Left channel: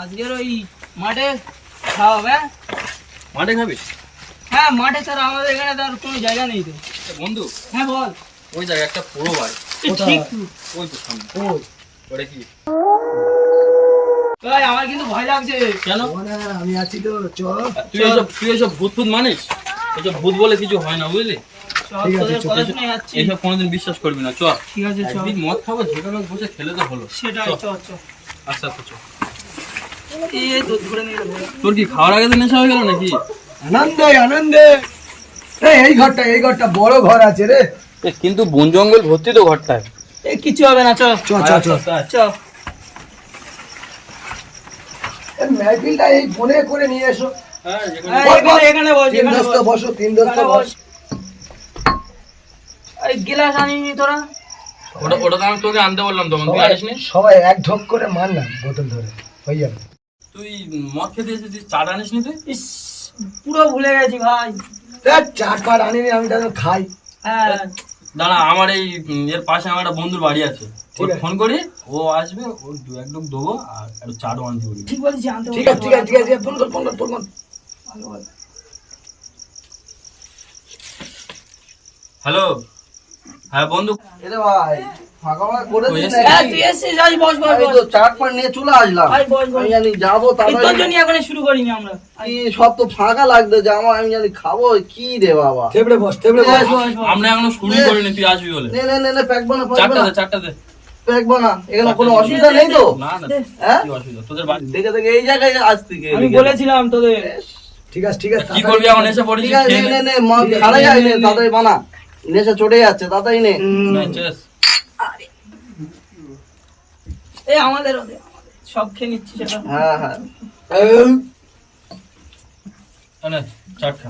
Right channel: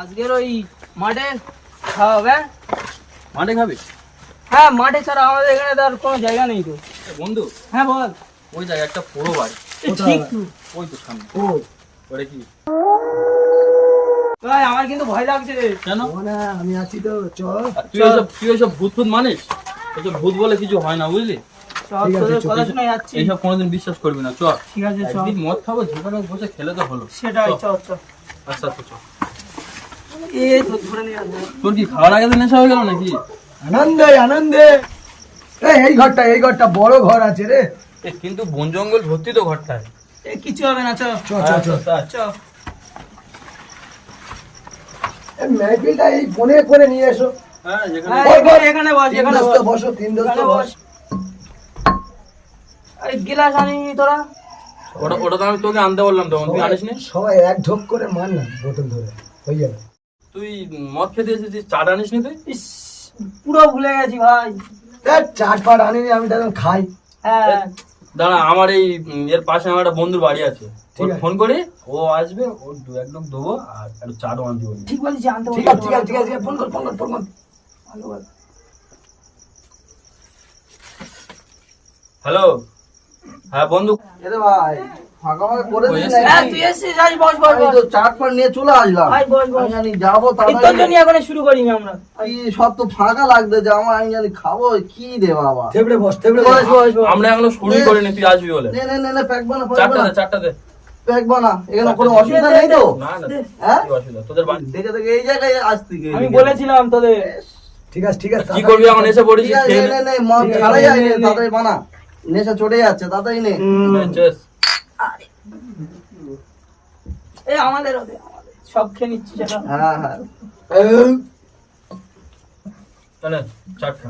আজকের ওই মাঠে খাওয়া হবে। মাঠে খাবি? হ্যাঁ মাঠে ছাড়া আমাদের এখানে তো আর কোনো জায়গা নেই তো। বন্ধু হ্যাঁ বল। ওই জায়গায় একটা পুরো বাড়ি, ঠিক তো। ওই তো সামনে। ওটা কি? ভাই আমার কিন্তু ভয় লাগছে। কেন? আমি আছি তো, চল। তুই এসব ভূত ফুত মানিস? এসব ভূত বলে কিছু হয় না, বুঝলি? এইসব কোনোদিন বিশ্বাস করবি না। চল ঠিক আছে, একদিন মদ খাবো, যেখানে বসে খেলে তো হলো। সেটাই, চল চল। আচ্ছা আচ্ছা চল। এই তো ধরে নিয়ে আসবে। তোর কি খাওয়ার আগে নেশা হয়ে গেল নাকি? আনন্দে আনন্দে। এই ঘরটা বড় ঘর আছে রে। কিন্তু বন জঙ্গল ভর্তি তো ঘরটায়। কিছু হবে না, চল চল চল চল চল। মেহফিলটা এই বনে করে নিয়ে এসো। হ্যাঁ এখানে বস, তিন দোস্ত বসো, তিন দোস্ত বস। এই গিলাস আনিনি তোরা? ওটা তো আমি তোকে আনতে বললাম, তখন তুই আনিসনি। সবাই এক ঢোক করে মার না, বোতল ধরে হয়ে যাবে। তুই মদ খেতে এসেছিস, চা আনিসনি তুই? ইস, পুরো ভুলে গেছি ভাই। চাট পাট আনিনি, আমি তখন খাই। হ্যাঁ দাঁড়া, আমার এই এর পাশে আমার একটা বন্ধুর বাড়ি আছে, ঠিক আছে। ফোন করি, ও আসবে, ওর দু এক লোক দেবো আর একটু চাটও আনতে বলি। ঠিক বলেছি, জানতে ঠিক আছে ঠিক আছে ঠিক আছে, ফোন কর ফোন কর ফোন কর। হ্যালো, হ্যাঁ বন্ধু। এরে ভাই ফাঁকা করে ওই দিন এসে- হ্যাঁ, তুই এসেছিস, আয় বস বস আমি বস। তো চাট পাট নিয়ে চলে আসলাম। আয় বস বস। আমি জানি যাবো এই তোর তাড়াতাড়ি। জন্য এখন শুরু করিনি আমরা। কি সব তো ফাঁকা লাগবে যে আমার, আমি জানি খাবো কি রে বাবা। থেবড়ে বস থেবড়ে বস। বস বস বস। আমরা এখনো শুরুই করিনি, তুই আসবি বলে। নে নে নে নে প্যাকবো না চারটা দে। প্যাকবো না, এখানে কোনো অসুবিধা নেই তো? না না, হ্যাঁ কি অসুবিধা তোদের বাড়ি? দেখে দেখে এই জায়গায় আজ থেকে আমি বলেছিলাম তোদের। ঠিক আছে ঠিক আছে, কি করবি, আমার এসে পড়েছিস, ঠিক আছে, খেয়ে নে নে। নে মদ ছাড়া যায় নে, তাড়াতাড়ি বানা, নেশা চড়ে যাচ্ছে, তাড়াতাড়ি নে। চেস। এই আমাদের সব খেয়ে নিচ্ছি সেটা। হ্যাঁ হ্যাঁ তাহলে চাট খা।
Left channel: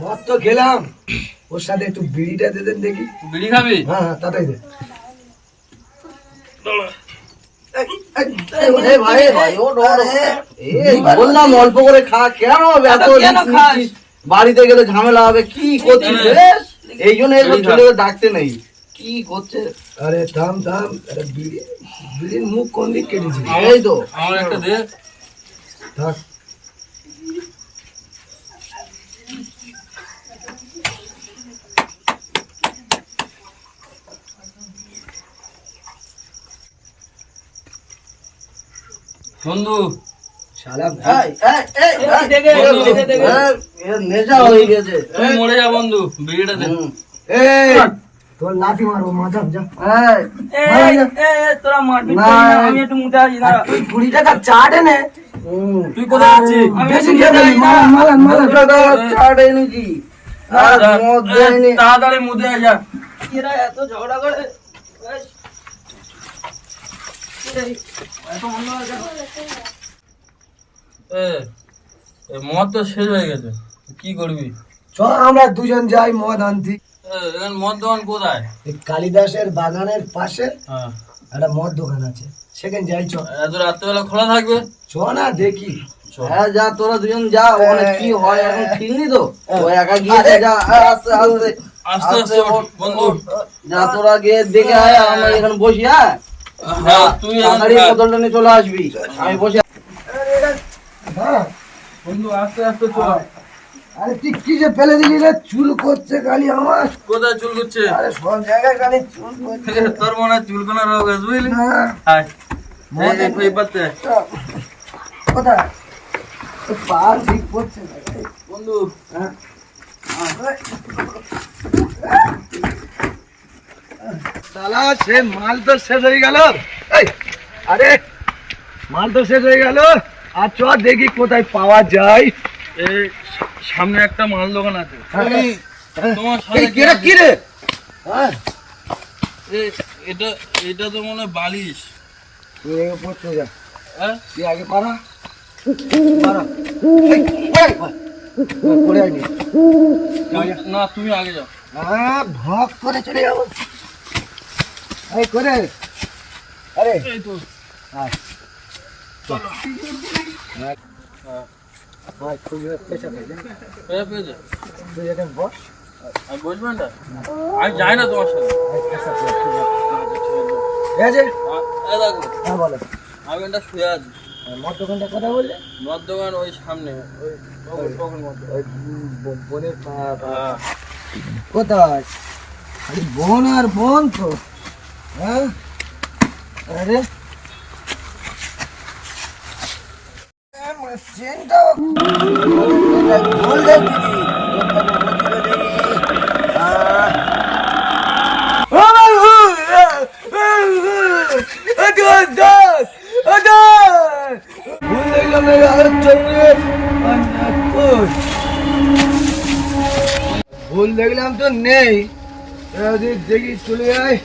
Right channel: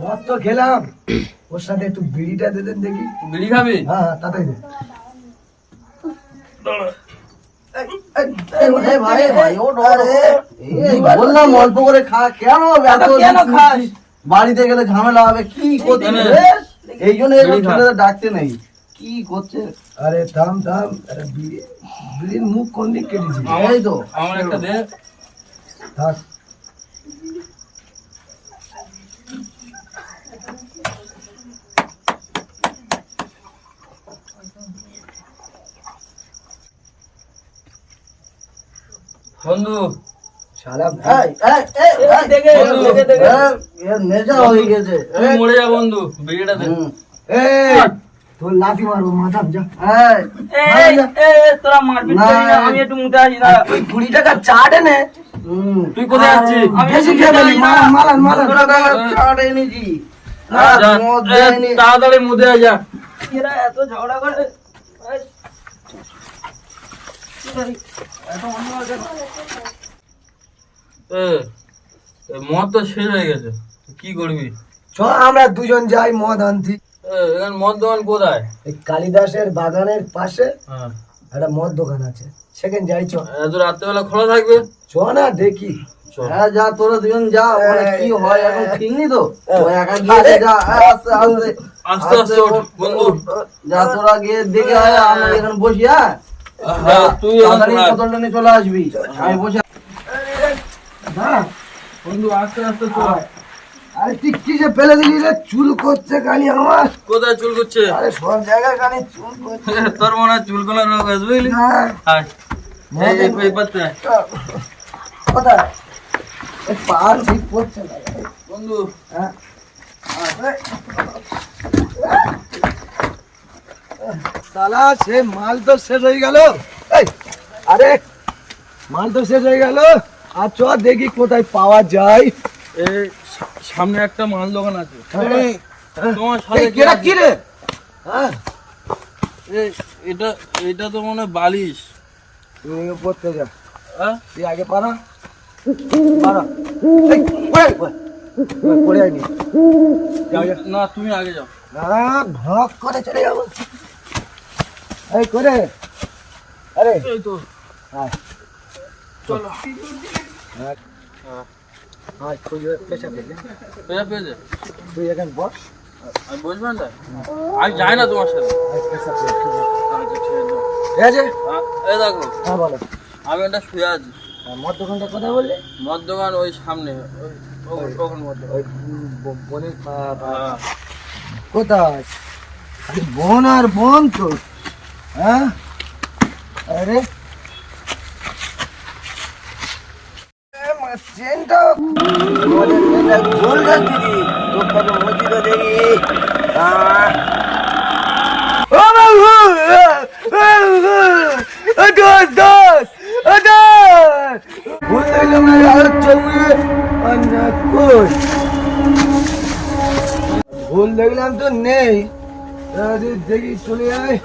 মদ তো খেলাম, ওর সাথে একটু বিড়িটা দে দেন দেখি। বিড়ি খাবি? হ্যাঁ হ্যাঁ, তাড়াতাড়ি দে। এই ভাই ভাই ও বললাম অল্প করে খা, কেন এত কেন risk খাস? নিচ্ছিস? বাড়িতে গেলে ঝামেলা হবে, কি করছিস না, না। রে? এই জন্য এগুলো বিড়ি খা। ছেলেদের ডাকতে নেই, কি করছে? আরে থাম থাম, আরে বিড়ির মুখ কোন দিক কেটেছি? এই তো আমার একটা দে। থাক। বন্ধু শালা এই, এই, এই, এই, দেখে, বন্ধু, দেখে, দেখে। এর নেশা হয়ে গেছে। তুই মরে যা বন্ধু, বিড়িটা দে। হুম। এই, তোর লাঠি মারবো মাথা যা। এই, এই, এই, তোরা মারপিট না। করিস না, আমি একটু মুতে আসি না। তুই 20 টাকা চাট এনে হুম। তুই কোথায় যাচ্ছিস? আমি বেশি মুতে খেয়ে আসি ফেলি, না। মালান মালান দুটো তো চাট এনেছি। আর যা, মদ এ, দেয়নি। তাড়াতাড়ি মুদে যা। এরা এত ঝগড়া করে। এই, এই, এত অন্য কেন? মদ তো শেষ হয়ে গেছে, কি করবি? চল আমরা দুজন যাই মদ আনতি। এখানে মদ দোকান কোথায়? এই কালিদাসের বাগানের পাশে হ্যাঁ, একটা মদ দোকান আছে, সেখানে যাই। চ এত রাত্রেবেলা খোলা থাকবে? চ না দেখি। হ্যাঁ যা, তোরা দুজন যা, ওখানে কি হয় এখন ঠিক নি তো, ও একা গিয়ে দে, যা, আস্তে আস্তে আস্তে আস্তে ওঠ, বন্ধু। যা, তোরা গিয়ে দেখে আয়, আমরা এখানে বসি। হ্যাঁ হ্যাঁ, তুই এখন তাড়াতাড়ি থাক। বোতলটা নিয়ে চলে আসবি, আমি বসে। দাঁড়া। বন্ধু আস্তে আস্তে চল। আরে তুই কি যে ফেলে দিলি রে, চুল করছে খালি আমার। কোথায় চুল করছে? আরে সব জায়গায় খালি চুল করছে। তোর মনে হয় চুলকোনা রোগ আছে, বুঝলি? না, হায়, এই পাতে কোথায়? এই পা ঠিক করছে না রে। বন্ধু। হ্যাঁ। শালা সে মাল তো শেষ হয়ে গেল। এই, আরে মাল তো শেষ হয়ে গেল, আর চ দেখি কোথায় পাওয়া যায়। এই সামনে একটা মাল দোকান আছে, হ্যাঁ। তোমার সাথে এই কেরা কি রে? হ্যাঁ, এটা এটা তো মনে হয় বালিশ। তুই এগো পড়তে যা, হ্যাঁ, তুই আগে পারা পারা। এই, পড়ে আইনি। যাও, যা। না তুমি আগে যাও। হ্যাঁ, ভক করে চলে যাবো। এই করে, আরে এই তো আয়, চলো। আয়, হ্যাঁ, আয়, খুঁজে পেশা পেয়ে যা। পেয়েছে। তুই এখানে বস। আমি বুঝবেন না, আমি যাই না তোমার সাথে। আয়, পেশা পেয়ে, ঠিক আছে? ঠিক আছে? এই দেখো হ্যাঁ বলো। আমি এটা শুয়ে আছি। মদ দোকানটা কথা বললে? মদ দোকান ওই সামনে, ওখানে মদ দোকান। ওই বোনের কোথায়? আরে বোন আর বোন তো। হ্যাঁ আরে চেনটা বললে দিদি ভুল দেখলাম তো নেই, দেখি চলে যায়।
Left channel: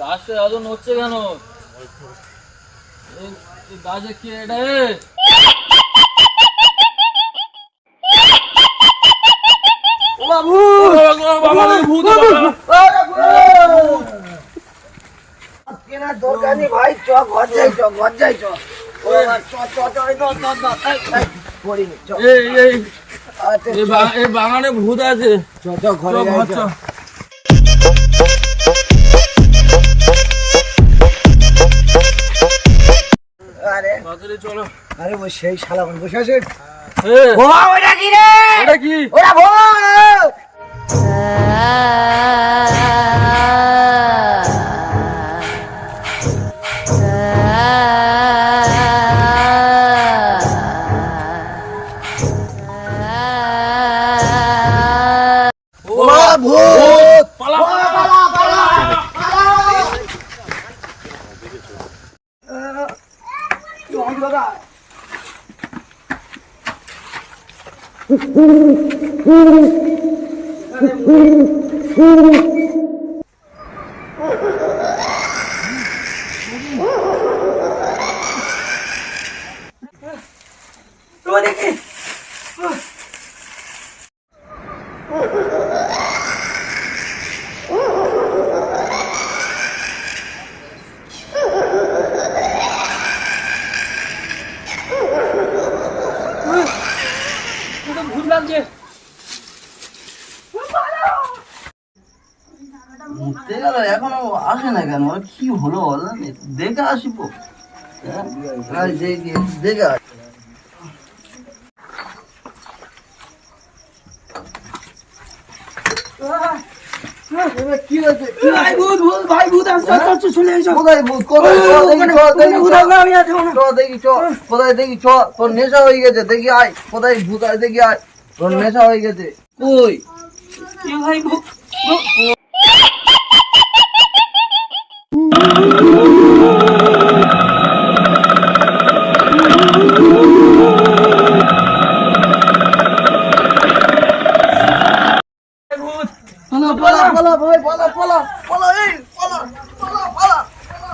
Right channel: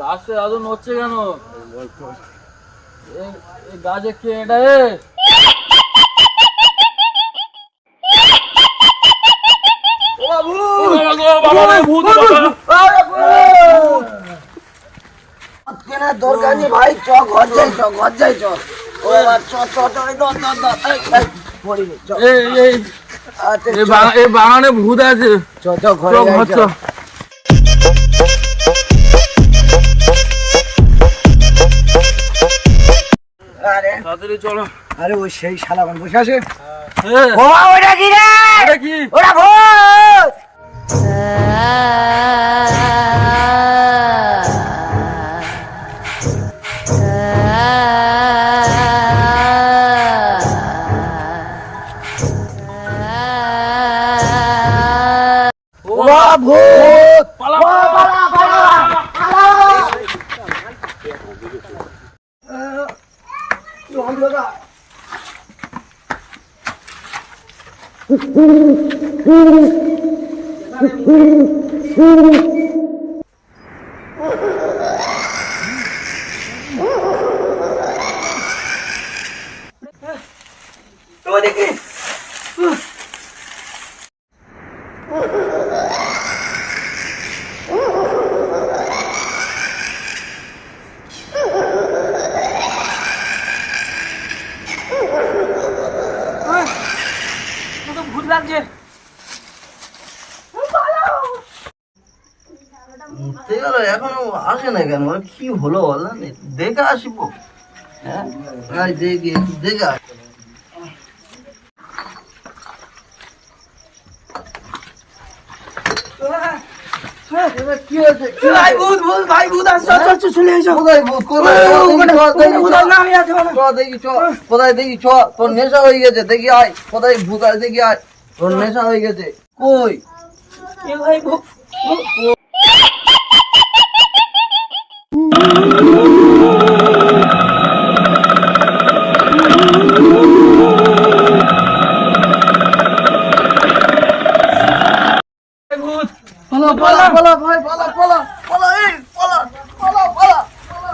গাছে আলো নড়ছে কেন? এই গাছে কে এটা? কেনার দরকার নেই ভাই, চ ঘর যাই, চ ঘর যাই, চ পড়িনি, চ। এই বাগানে ভূত আছে, চ ঘরে যাই, চ। আরে তাড়াতাড়ি চলো। আরে ওই সেই শালা বসে আছে। এই, ওটা কি রে? এটা কি? ওটা ভূত। ভূত পালা, দেখি ভূত লাগছে। ঘুরতে গেল এখনো আসে না কেন? ওর কি হলো বল? দেখে আসবো। হ্যাঁ দেখি, দেখে আসি। কি হয়েছে? ভাই ভূত, ভূত, ভাই ভূত আসছে, আসছে, চলে এসো। কোথায় ভূত? ওখানে ভূত আসবে, আমি আছি ওখানে। চ দেখি, চ কোথায় দেখি, চ। তোর নেশা হয়ে গেছে, দেখি আয়। কোথায় ভূত আছে দেখি আয়। তোর নেশা হয়ে গেছে। কই? এ ভাই ভূত, ভূত, পালা পালা পালা ভাই, পালা পালা পালা, এই পালা পালা পালা পালা।